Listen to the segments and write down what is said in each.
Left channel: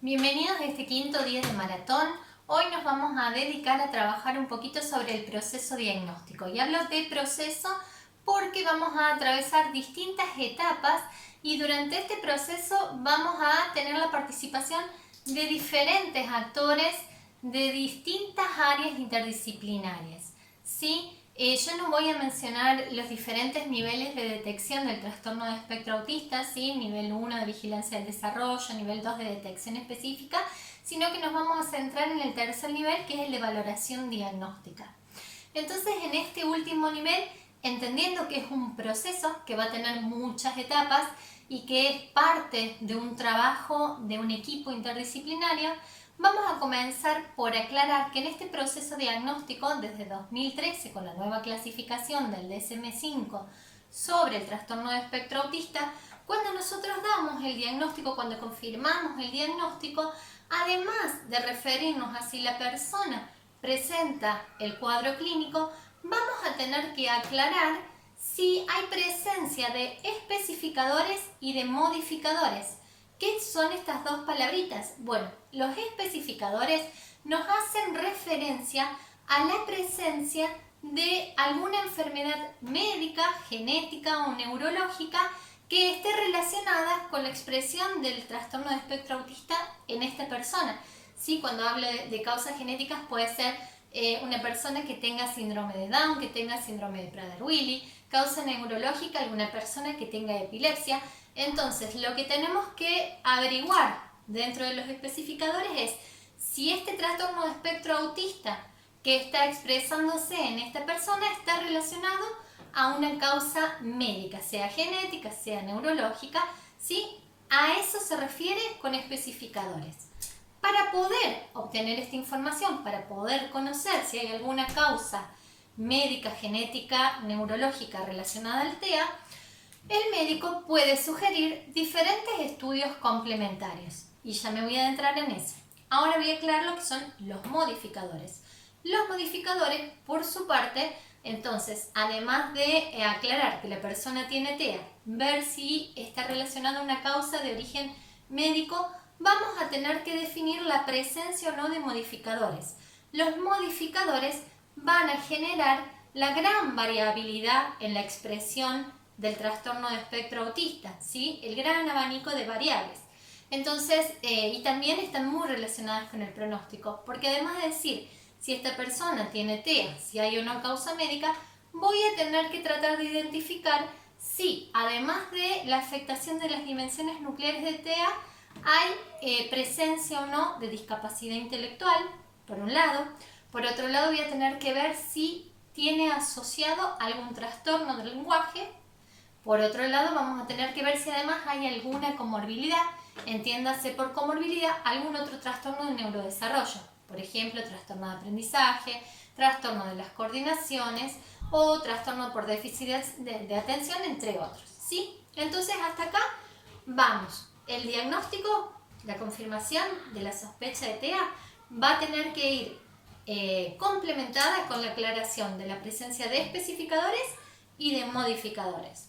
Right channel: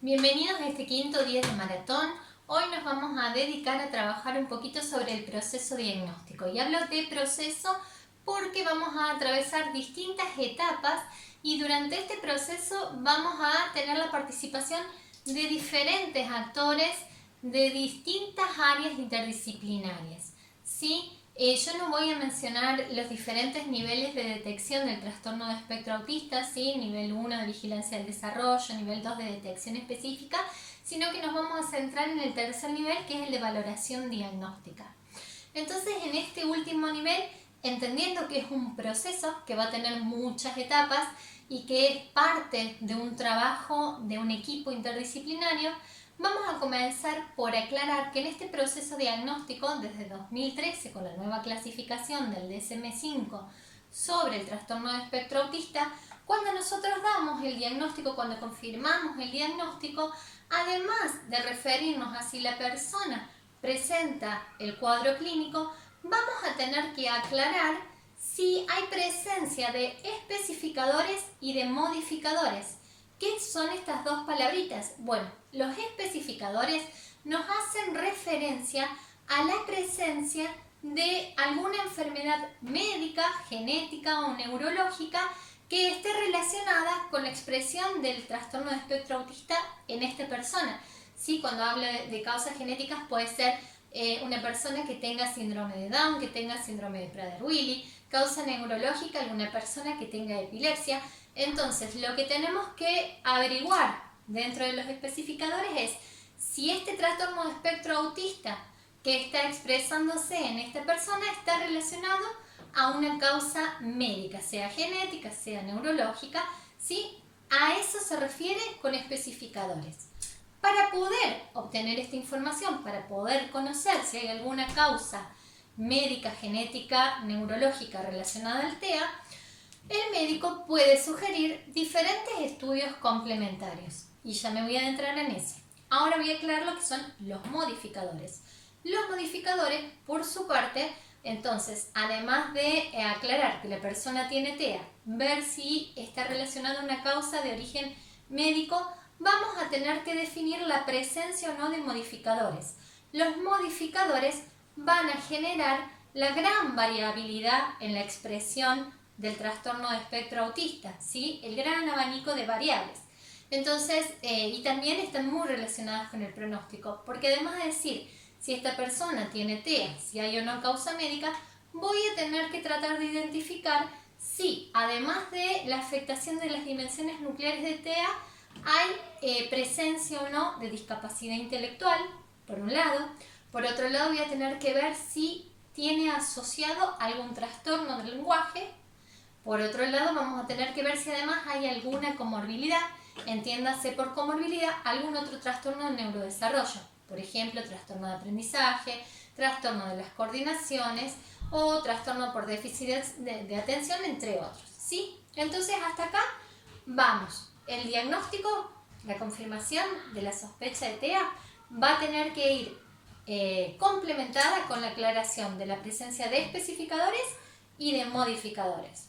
Bienvenidos a este quinto día de maratón. Hoy nos vamos a dedicar a trabajar un poquito sobre el proceso diagnóstico. Y hablo de proceso porque vamos a atravesar distintas etapas y durante este proceso vamos a tener la participación de diferentes actores de distintas áreas interdisciplinarias, ¿sí? Yo no voy a mencionar los diferentes niveles de detección del trastorno de espectro autista, ¿sí? Nivel 1 de vigilancia del desarrollo, nivel 2 de detección específica, sino que nos vamos a centrar en el tercer nivel, que es el de valoración diagnóstica. Entonces, en este último nivel, entendiendo que es un proceso que va a tener muchas etapas y que es parte de un trabajo de un equipo interdisciplinario, vamos a comenzar por aclarar que en este proceso diagnóstico, desde 2013, con la nueva clasificación del DSM-5 sobre el trastorno de espectro autista, cuando nosotros damos el diagnóstico, cuando confirmamos el diagnóstico, además de referirnos a si la persona presenta el cuadro clínico, vamos a tener que aclarar si hay presencia de especificadores y de modificadores. ¿Qué son estas dos palabritas? Bueno, los especificadores nos hacen referencia a la presencia de alguna enfermedad médica, genética o neurológica que esté relacionada con la expresión del trastorno de espectro autista en esta persona. ¿Sí? Cuando hablo de causas genéticas puede ser una persona que tenga síndrome de Down, que tenga síndrome de Prader-Willi, causa neurológica, alguna persona que tenga epilepsia. Entonces, lo que tenemos que averiguar dentro de los especificadores es si este trastorno de espectro autista que está expresándose en esta persona está relacionado a una causa médica, sea genética, sea neurológica, ¿sí? A eso se refiere con especificadores. Para poder obtener esta información, para poder conocer si hay alguna causa médica, genética, neurológica relacionada al TEA, el médico puede sugerir diferentes estudios complementarios. Y ya me voy a adentrar en eso. Ahora voy a aclarar lo que son los modificadores. Los modificadores, por su parte, entonces, además de aclarar que la persona tiene TEA, ver si está relacionada a una causa de origen médico, vamos a tener que definir la presencia o no de modificadores. Los modificadores van a generar la gran variabilidad en la expresión del trastorno de espectro autista, ¿sí? El gran abanico de variables. Entonces, y también están muy relacionadas con el pronóstico, porque además de decir si esta persona tiene TEA, si hay o no causa médica, voy a tener que tratar de identificar si, además de la afectación de las dimensiones nucleares de TEA, hay presencia o no de discapacidad intelectual, por un lado. Por otro lado, voy a tener que ver si tiene asociado algún trastorno del lenguaje. Por otro lado, vamos a tener que ver si además hay alguna comorbilidad, entiéndase por comorbilidad algún otro trastorno del neurodesarrollo, por ejemplo, trastorno de aprendizaje, trastorno de las coordinaciones o trastorno por déficit de atención, entre otros, ¿sí? Entonces, hasta acá vamos. El diagnóstico, la confirmación de la sospecha de TEA va a tener que ir complementada con la aclaración de la presencia de especificadores y de modificadores.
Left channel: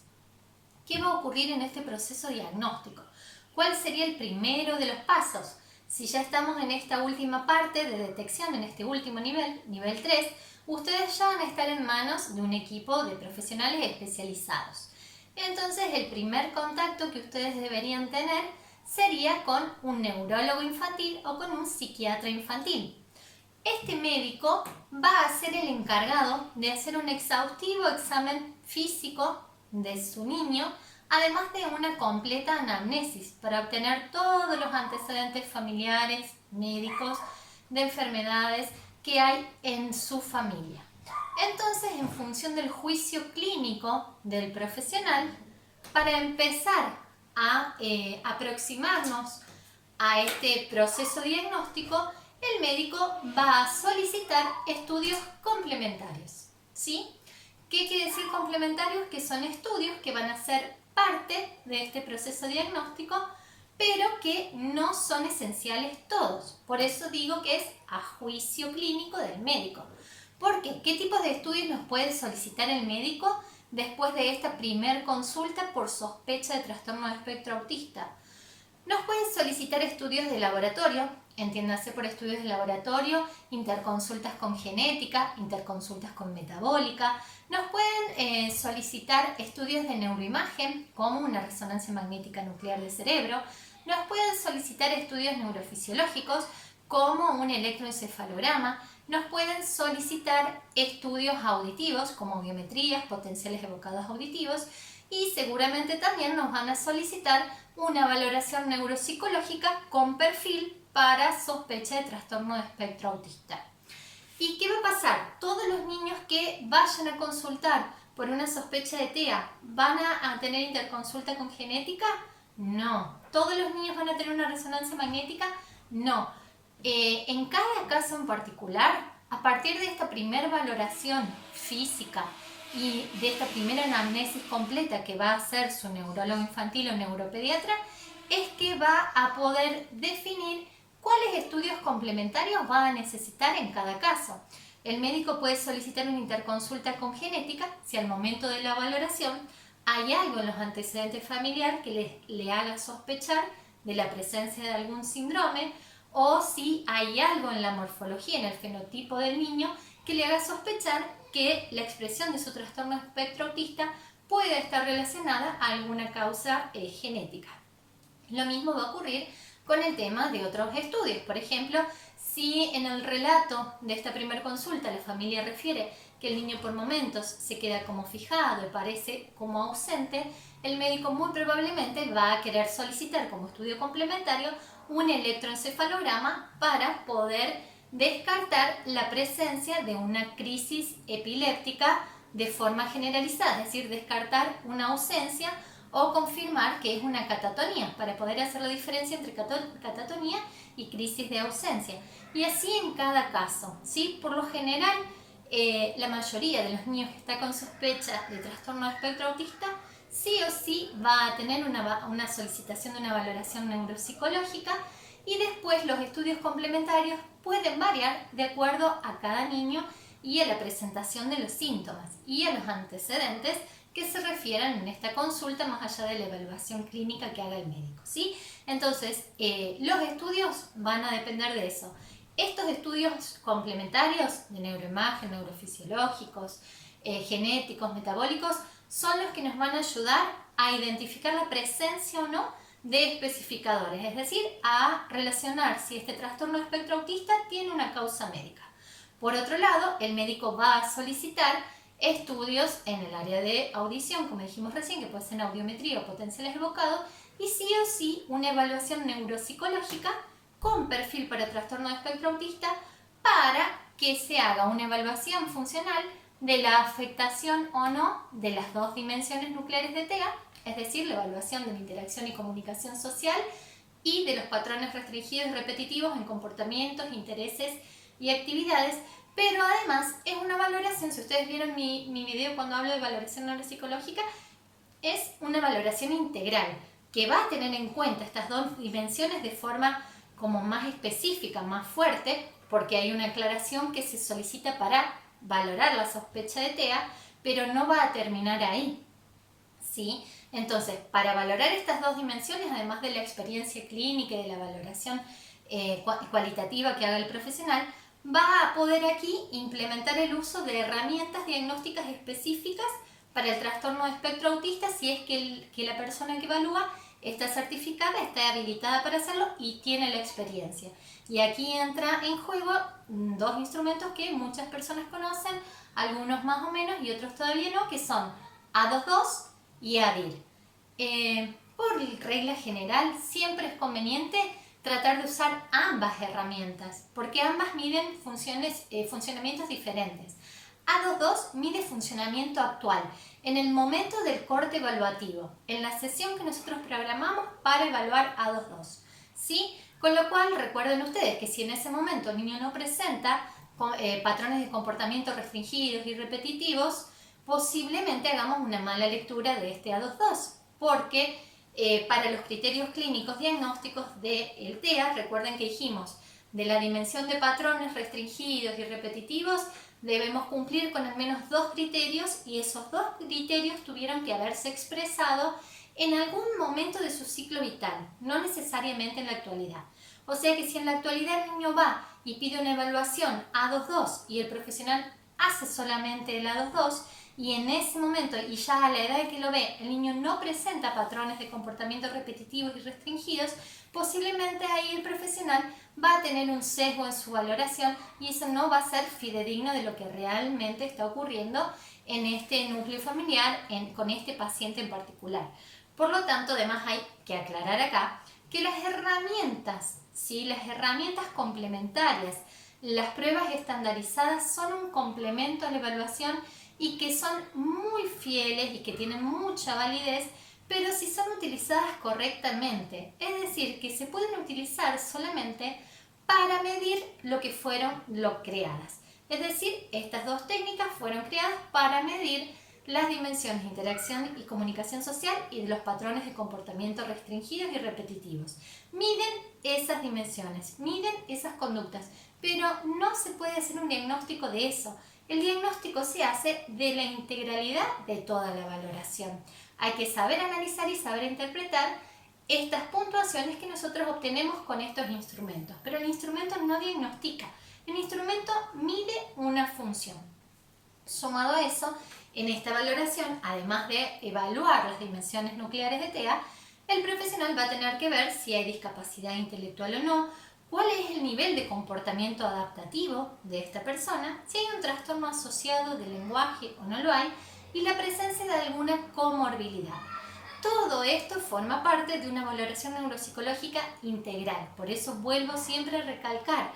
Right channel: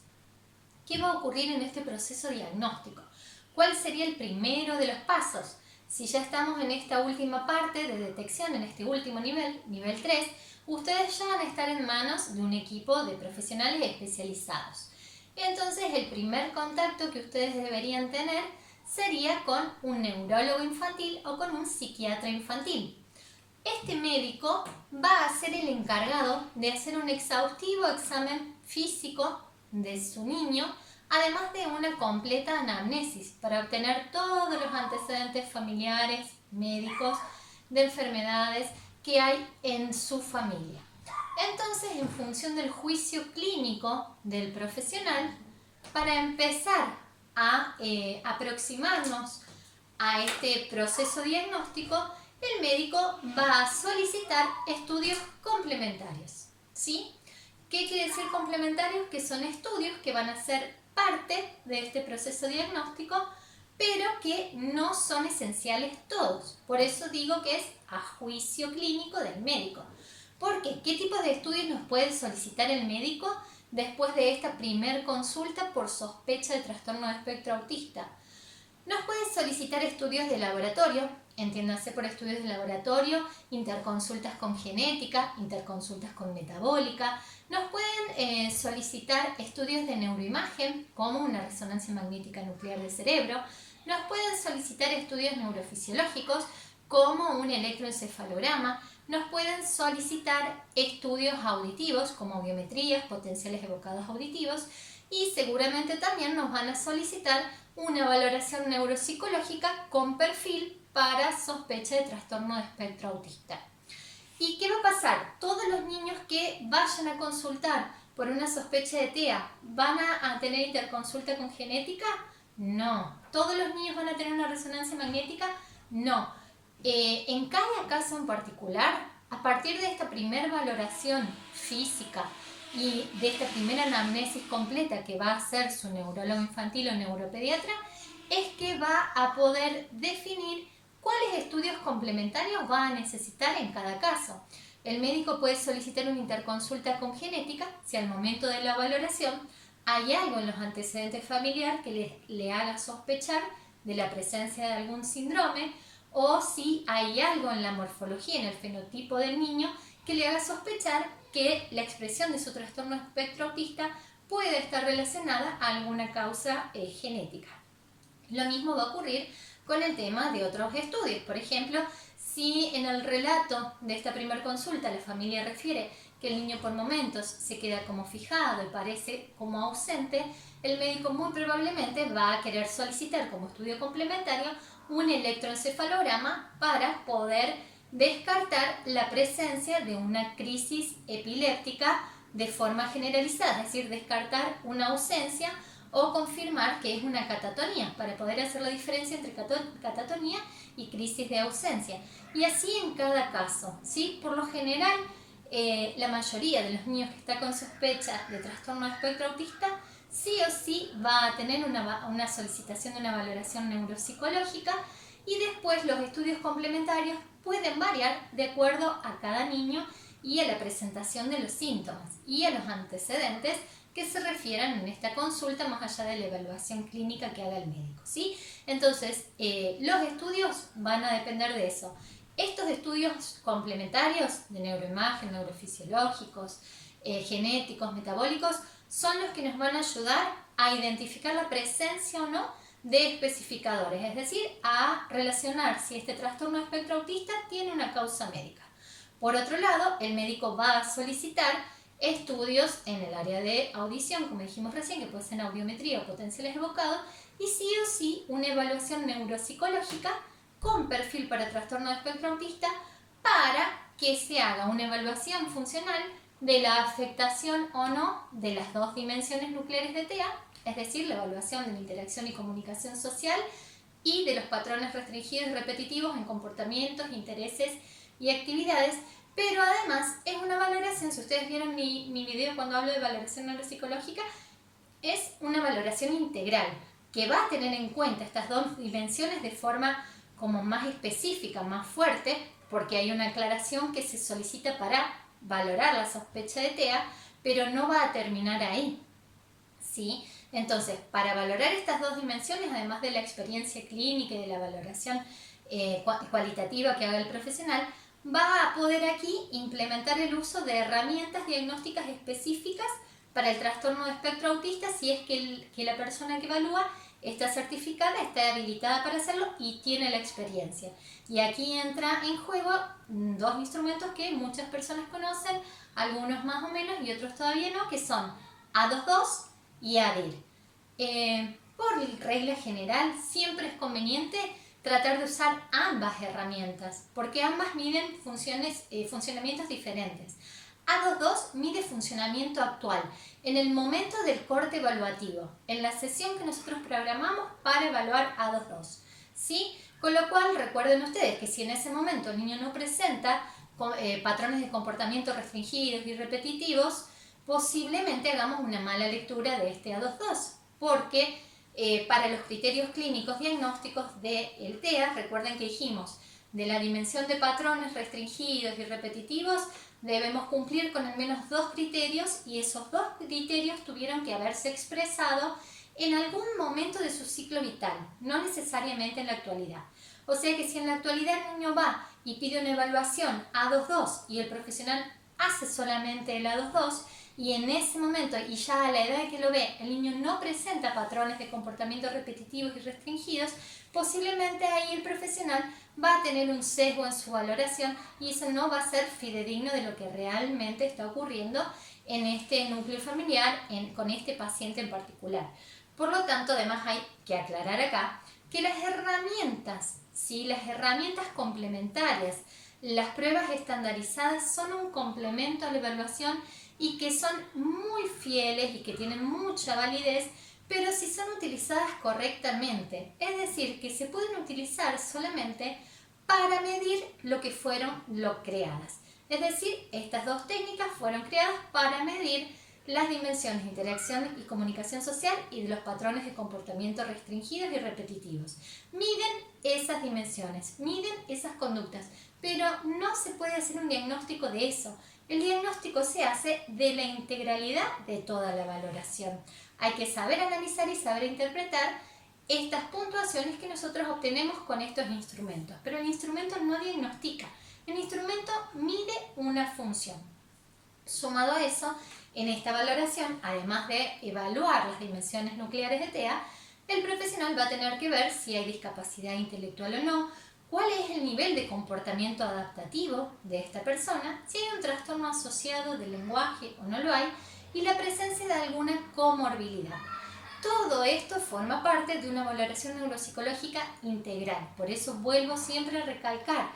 ¿Qué va a ocurrir en este proceso diagnóstico? ¿Cuál sería el primero de los pasos? Si ya estamos en esta última parte de detección, en este último nivel, nivel 3, ustedes ya van a estar en manos de un equipo de profesionales especializados. Entonces, el primer contacto que ustedes deberían tener sería con un neurólogo infantil o con un psiquiatra infantil. Este médico va a ser el encargado de hacer un exhaustivo examen físico de su niño, además de una completa anamnesis para obtener todos los antecedentes familiares, médicos, de enfermedades que hay en su familia. Entonces, en función del juicio clínico del profesional, para empezar a aproximarnos a este proceso diagnóstico, el médico va a solicitar estudios complementarios, ¿sí? ¿Qué quiere decir complementarios? Que son estudios que van a ser parte de este proceso diagnóstico, pero que no son esenciales todos. Por eso digo que es a juicio clínico del médico. ¿Por qué? ¿Qué tipo de estudios nos puede solicitar el médico después de esta primer consulta por sospecha de trastorno de espectro autista? Nos pueden solicitar estudios de laboratorio, entiéndase por estudios de laboratorio, interconsultas con genética, interconsultas con metabólica. Nos pueden solicitar estudios de neuroimagen, como una resonancia magnética nuclear del cerebro. Nos pueden solicitar estudios neurofisiológicos, como un electroencefalograma. Nos pueden solicitar estudios auditivos, como audiometrías, potenciales evocados auditivos. Y seguramente también nos van a solicitar una valoración neuropsicológica con perfil para sospecha de trastorno de espectro autista. ¿Y qué va a pasar? ¿Todos los niños que vayan a consultar por una sospecha de TEA van a tener interconsulta con genética? No. ¿Todos los niños van a tener una resonancia magnética? No. En cada caso en particular, a partir de esta primera valoración física y de esta primera anamnesis completa que va a hacer su neurólogo infantil o neuropediatra, es que va a poder definir cuáles estudios complementarios va a necesitar en cada caso. El médico puede solicitar una interconsulta con genética si al momento de la valoración hay algo en los antecedentes familiares que le haga sospechar de la presencia de algún síndrome, o si hay algo en la morfología, en el fenotipo del niño, que le haga sospechar que la expresión de su trastorno de espectro autista puede estar relacionada a alguna causa genética. Lo mismo va a ocurrir con el tema de otros estudios. Por ejemplo, si en el relato de esta primera consulta la familia refiere que el niño por momentos se queda como fijado y parece como ausente, el médico muy probablemente va a querer solicitar como estudio complementario un electroencefalograma para poder descartar la presencia de una crisis epiléptica de forma generalizada, es decir, descartar una ausencia o confirmar que es una catatonía, para poder hacer la diferencia entre catatonía y crisis de ausencia. Y así en cada caso, ¿sí? Por lo general, la mayoría de los niños que está con sospecha de trastorno de espectro autista sí o sí va a tener una solicitación de una valoración neuropsicológica, y después los estudios complementarios pueden variar de acuerdo a cada niño y a la presentación de los síntomas y a los antecedentes que se refieran en esta consulta, más allá de la evaluación clínica que haga el médico, ¿sí? Entonces, los estudios van a depender de eso. Estos estudios complementarios de neuroimagen, neurofisiológicos, genéticos, metabólicos, son los que nos van a ayudar a identificar la presencia o no de especificadores, es decir, a relacionar si este trastorno de espectro autista tiene una causa médica. Por otro lado, el médico va a solicitar estudios en el área de audición, como dijimos recién, que puede ser audiometría o potenciales evocados, y sí o sí una evaluación neuropsicológica con perfil para trastorno de espectro autista, para que se haga una evaluación funcional de la afectación o no de las dos dimensiones nucleares de TEA, es decir, la evaluación de la interacción y comunicación social y de los patrones restringidos y repetitivos en comportamientos, intereses y actividades. Pero además es una valoración, si ustedes vieron mi video cuando hablo de valoración neuropsicológica, es una valoración integral que va a tener en cuenta estas dos dimensiones de forma como más específica, más fuerte, porque hay una aclaración que se solicita para valorar la sospecha de TEA, pero no va a terminar ahí, ¿sí? Entonces, para valorar estas dos dimensiones, además de la experiencia clínica y de la valoración cualitativa que haga el profesional, va a poder aquí implementar el uso de herramientas diagnósticas específicas para el trastorno de espectro autista, si es que la persona que evalúa está certificada, está habilitada para hacerlo y tiene la experiencia. Y aquí entra en juego dos instrumentos que muchas personas conocen, algunos más o menos y otros todavía no, que son A22 y ADIR. Por regla general, siempre es conveniente tratar de usar ambas herramientas, porque ambas miden funcionamientos diferentes. A22 mide funcionamiento actual, en el momento del corte evaluativo, en la sesión que nosotros programamos para evaluar A22, ¿sí? Con lo cual, recuerden ustedes que si en ese momento el niño no presenta patrones de comportamiento restringidos y repetitivos, posiblemente hagamos una mala lectura de este A22, porque para los criterios clínicos diagnósticos del TEA, recuerden que dijimos, de la dimensión de patrones restringidos y repetitivos, debemos cumplir con al menos dos criterios, y esos dos criterios tuvieron que haberse expresado en algún momento de su ciclo vital, no necesariamente en la actualidad. O sea que si en la actualidad el niño va y pide una evaluación A22 y el profesional hace solamente el A22 y en ese momento y ya a la edad que lo ve el niño no presenta patrones de comportamiento repetitivos y restringidos, posiblemente ahí el profesional va a tener un sesgo en su valoración y eso no va a ser fidedigno de lo que realmente está ocurriendo en este núcleo familiar, con este paciente en particular. Por lo tanto, además hay que aclarar acá que las herramientas, ¿sí? Las herramientas complementarias, las pruebas estandarizadas son un complemento a la evaluación y que son muy fieles y que tienen mucha validez, pero si son utilizadas correctamente, es decir, que se pueden utilizar solamente para medir lo que fueron creadas. Es decir, estas dos técnicas fueron creadas para medir las dimensiones de interacción y comunicación social y de los patrones de comportamiento restringidos y repetitivos. Miden esas dimensiones, miden esas conductas, pero no se puede hacer un diagnóstico de eso. El diagnóstico se hace de la integralidad de toda la valoración. Hay que saber analizar y saber interpretar estas puntuaciones que nosotros obtenemos con estos instrumentos, pero el instrumento no diagnostica, el instrumento mide una función. Sumado a eso, en esta valoración, además de evaluar las dimensiones nucleares de TEA, el profesional va a tener que ver si hay discapacidad intelectual o no, cuál es el nivel de comportamiento adaptativo de esta persona, si hay un trastorno asociado de lenguaje o no lo hay, y la presencia de alguna comorbilidad. Todo esto forma parte de una valoración neuropsicológica integral. Por eso vuelvo siempre a recalcar,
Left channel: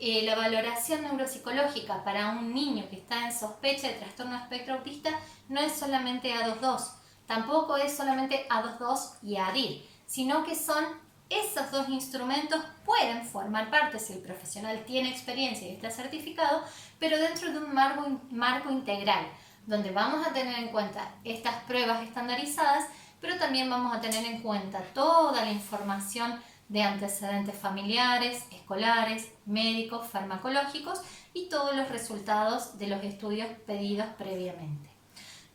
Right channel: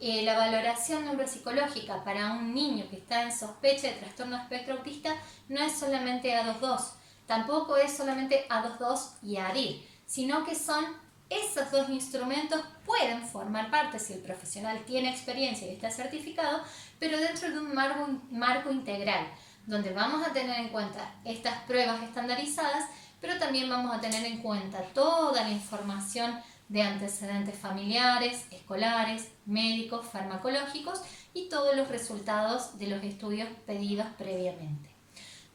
la valoración neuropsicológica para un niño que está en sospecha de trastorno espectro autista no es solamente A22, tampoco es solamente A22 y ADIR, sino que son esos dos instrumentos, pueden formar parte si el profesional tiene experiencia y está certificado, pero dentro de un marco integral, donde vamos a tener en cuenta estas pruebas estandarizadas, pero también vamos a tener en cuenta toda la información de antecedentes familiares, escolares, médicos, farmacológicos y todos los resultados de los estudios pedidos previamente.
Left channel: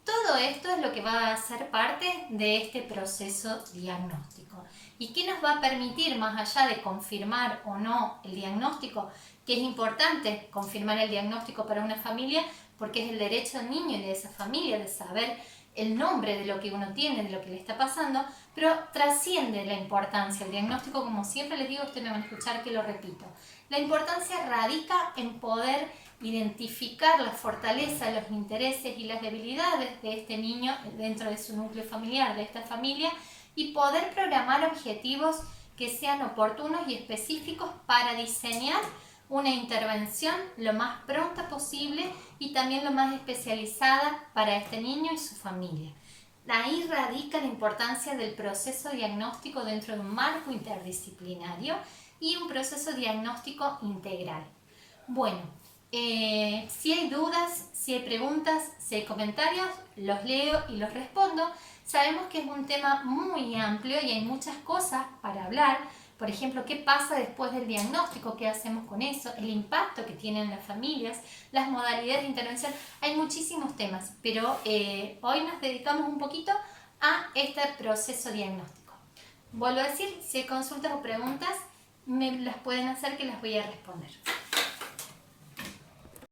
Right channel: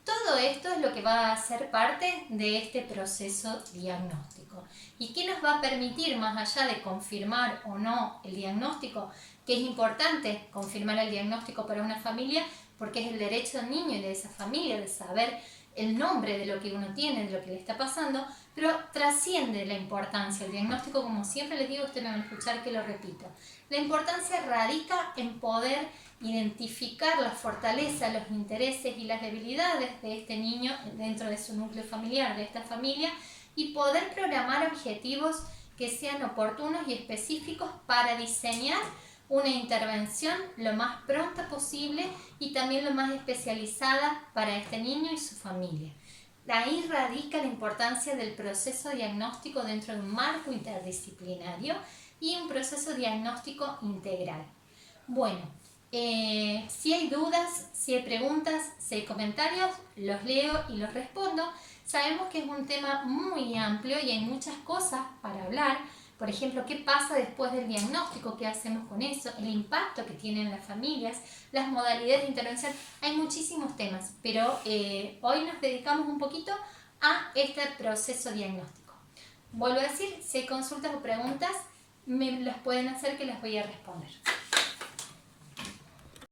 Todo esto es lo que va a ser parte de este proceso diagnóstico. ¿Y qué nos va a permitir, más allá de confirmar o no el diagnóstico? Que es importante confirmar el diagnóstico para una familia porque es el derecho del niño y de esa familia de saber el nombre de lo que uno tiene, de lo que le está pasando, pero trasciende la importancia. El diagnóstico, como siempre les digo, ustedes me van a escuchar que lo repito. La importancia radica en poder identificar las fortalezas, los intereses y las debilidades de este niño dentro de su núcleo familiar, de esta familia, y poder programar objetivos que sean oportunos y específicos para diseñar una intervención lo más pronta posible y también lo más especializada para este niño y su familia. Ahí radica la importancia del proceso diagnóstico dentro de un marco interdisciplinario y un proceso diagnóstico integral. Bueno, si hay dudas, si hay preguntas, si hay comentarios, los leo y los respondo. Sabemos que es un tema muy amplio y hay muchas cosas para hablar. Por ejemplo, ¿qué pasa después del diagnóstico? ¿Qué hacemos con eso? El impacto que tienen las familias, las modalidades de intervención. Hay muchísimos temas, pero hoy nos dedicamos un poquito a este proceso diagnóstico. Vuelvo a decir, si hay consultas o preguntas, me las pueden hacer que las voy a responder.